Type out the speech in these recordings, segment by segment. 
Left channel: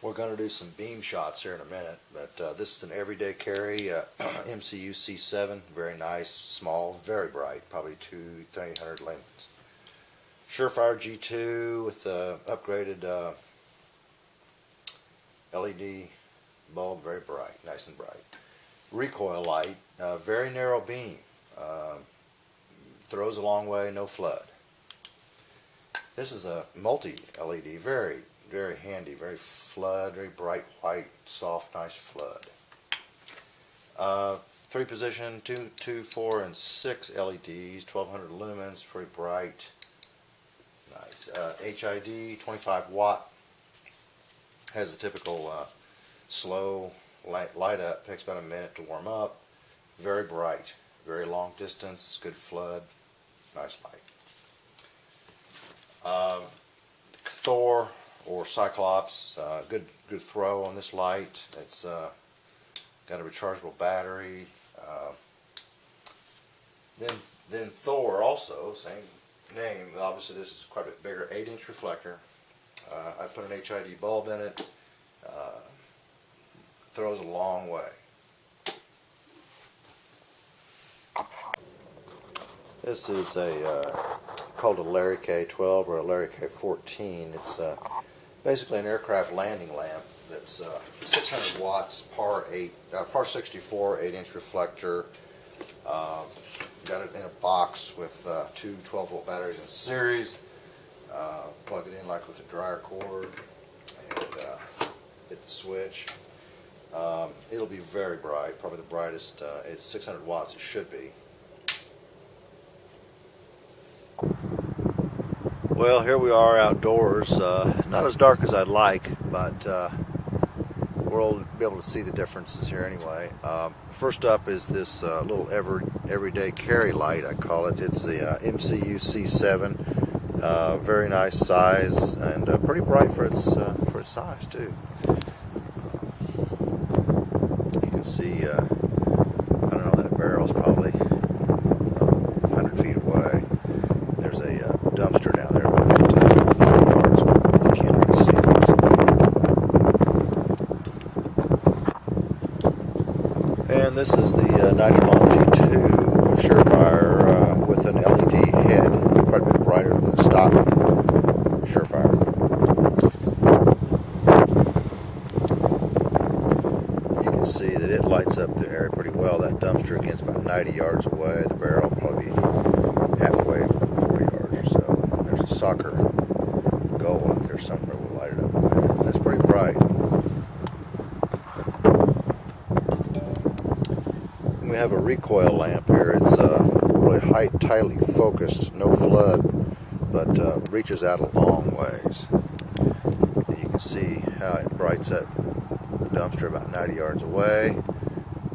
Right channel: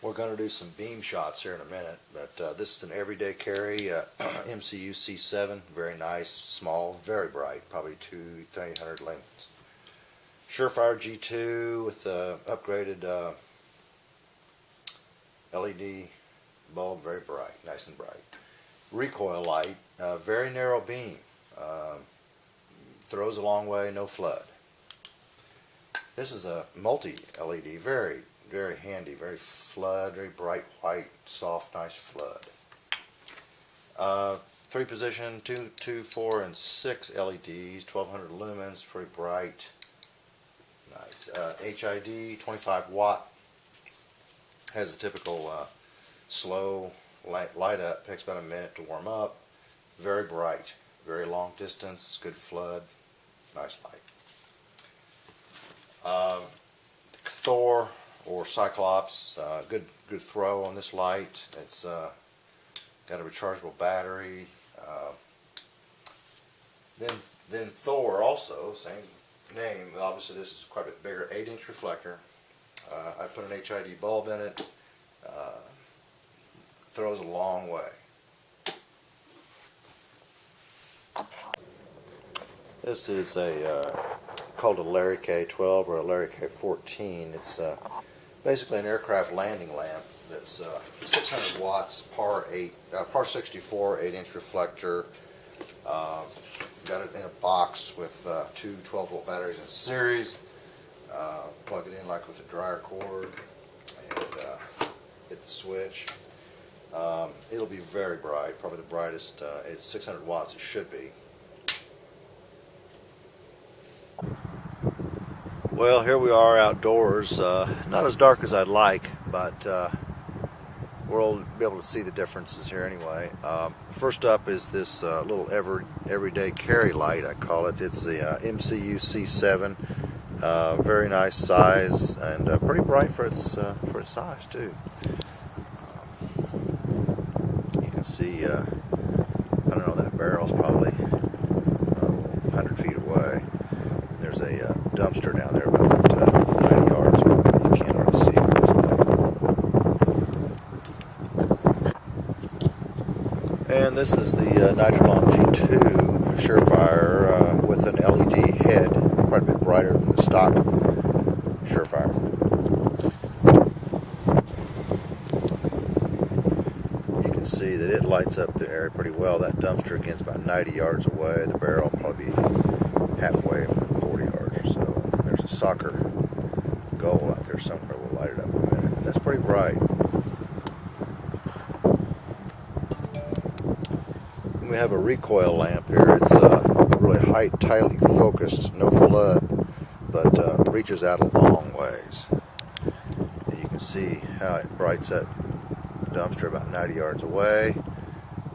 We're going to do some beam shots here in a minute, but this is an everyday carry, MCU C7, very nice, small, very bright, probably 300 lumens. Surefire G2 with the upgraded LED bulb, very bright, nice and bright. Recoil light, very narrow beam, throws a long way, no flood. This is a multi-LED, very handy, very flood, very bright white, soft, nice flood. 3 position, 2, 4, and 6 LEDs, 1200 lumens, pretty bright, nice. HID, 25 watt, has a typical slow light up, takes about a minute to warm up, very bright, very long distance, good flood, nice light. Thor or Cyclops, good throw on this light. It's got a rechargeable battery. Then Thor also, same name. Obviously this is quite a bit bigger, 8-inch reflector. I put an HID bulb in it. Throws a long way. This is called a larryk12 or a larryk14. It's basically an aircraft landing lamp that's 600 watts, par 64, 8-inch reflector. Got it in a box with 2 12-volt batteries in series. Plug it in like with a dryer cord and hit the switch. It'll be very bright, probably the brightest. It's 600 watts, it should be. Well, here we are outdoors. Not as dark as I'd like, but we'll be able to see the differences here anyway. First up is this little everyday carry light, I call it. It's the MCU C7. Very nice size and pretty bright for its size too. You can see, I don't know, that barrel's probably 100 feet away. There's a dumpster down there about 90 yards away that you can't really see with this light. And this is the Nitrilon G2 Surefire with an LED head, quite a bit brighter than the stock Surefire. You can see that it lights up the area pretty well. That dumpster again is about 90 yards away. The barrel probably halfway, 40 yards or so. There's a soccer goal out there somewhere. We'll light it up in a minute. That's pretty bright. And we have a recoil lamp here. It's really tightly focused, no flood, but reaches out a long ways. And you can see how it brights that dumpster about 90 yards away,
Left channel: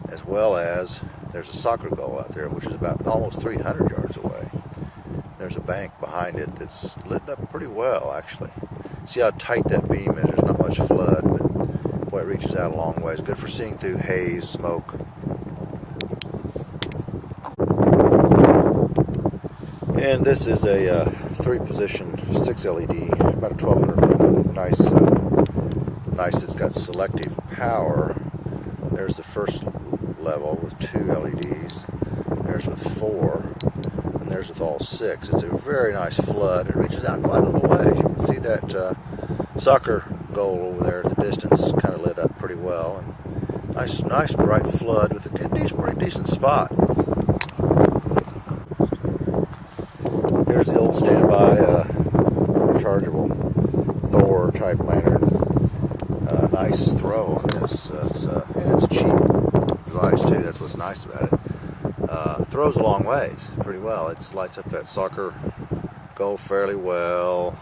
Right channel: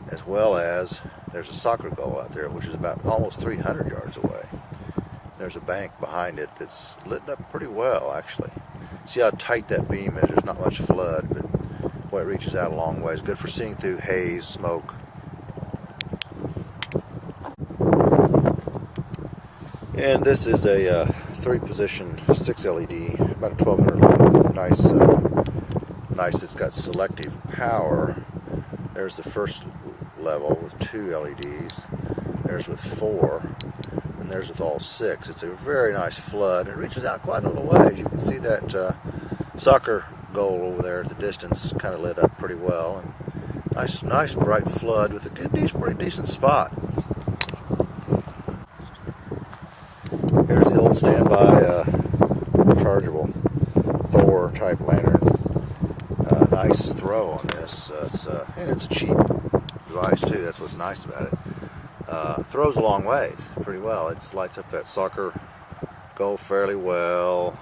as well as there's a soccer goal out there, which is about almost 300 yards away. There's a bank behind it that's lit up pretty well, actually. See how tight that beam is? There's not much flood, but boy, it reaches out a long ways. Good for seeing through haze, smoke. And this is a 3-position 6 LED, about a 1200 lumen. Nice. It's got selective power. There's the first level with 2 LEDs. There's with 4, and there's with all 6. It's a very nice flood. It reaches out quite a little ways. You can see that soccer goal over there at the distance, kind of lit up pretty well. And nice bright flood with a pretty decent spot. Here's the old standby rechargeable Thor type lantern. Nice throw on this, and it's a cheap device too. That's what's nice about it. Throws a long ways pretty well. It lights up that soccer goal fairly well.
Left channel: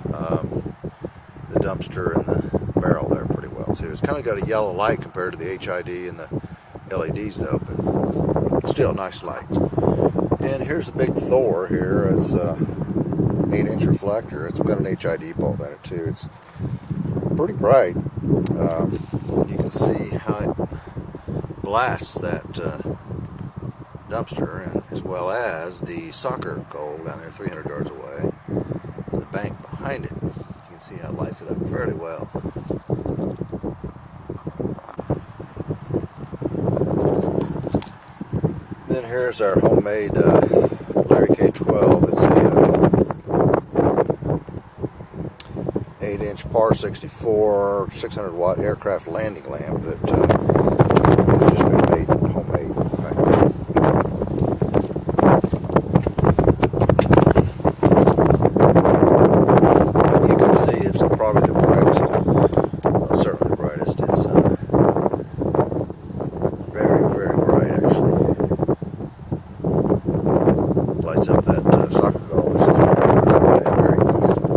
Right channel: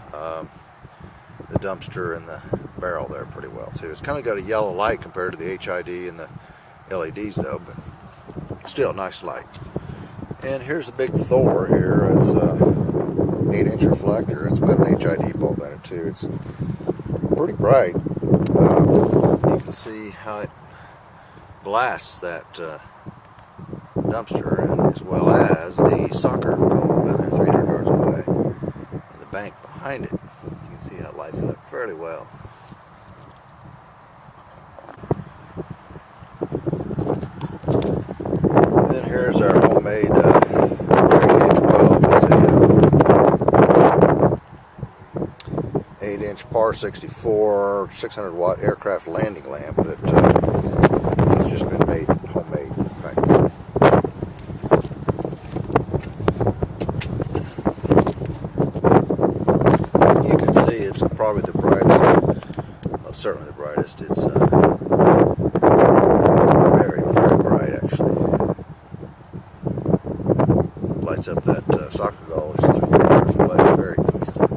The dumpster and the barrel there pretty well too. It's kind of got a yellow light compared to the HID and the LEDs though, but still nice light. And here's the big Thor here. It's a 8-inch reflector. It's got an HID bulb in it too. It's pretty bright. You can see how it blasts that dumpster, and as well as the soccer goal down there 300 yards away, and the bank behind it. You can see how it lights it up fairly well. Here's our homemade larryk12. It's a 8-inch par 64 600 watt aircraft landing lamp that has just been made homemade back there. You can see it's probably the brightest, well, certainly the brightest. It's very, very bright actually. Lights up that soccer goal just 300 yards away very easily.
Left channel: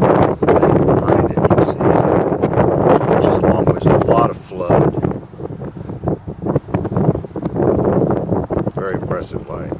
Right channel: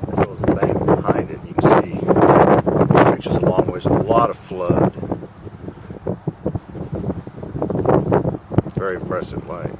There's a bank behind it, you can see, which is a long ways, a lot of flood. Very impressive light.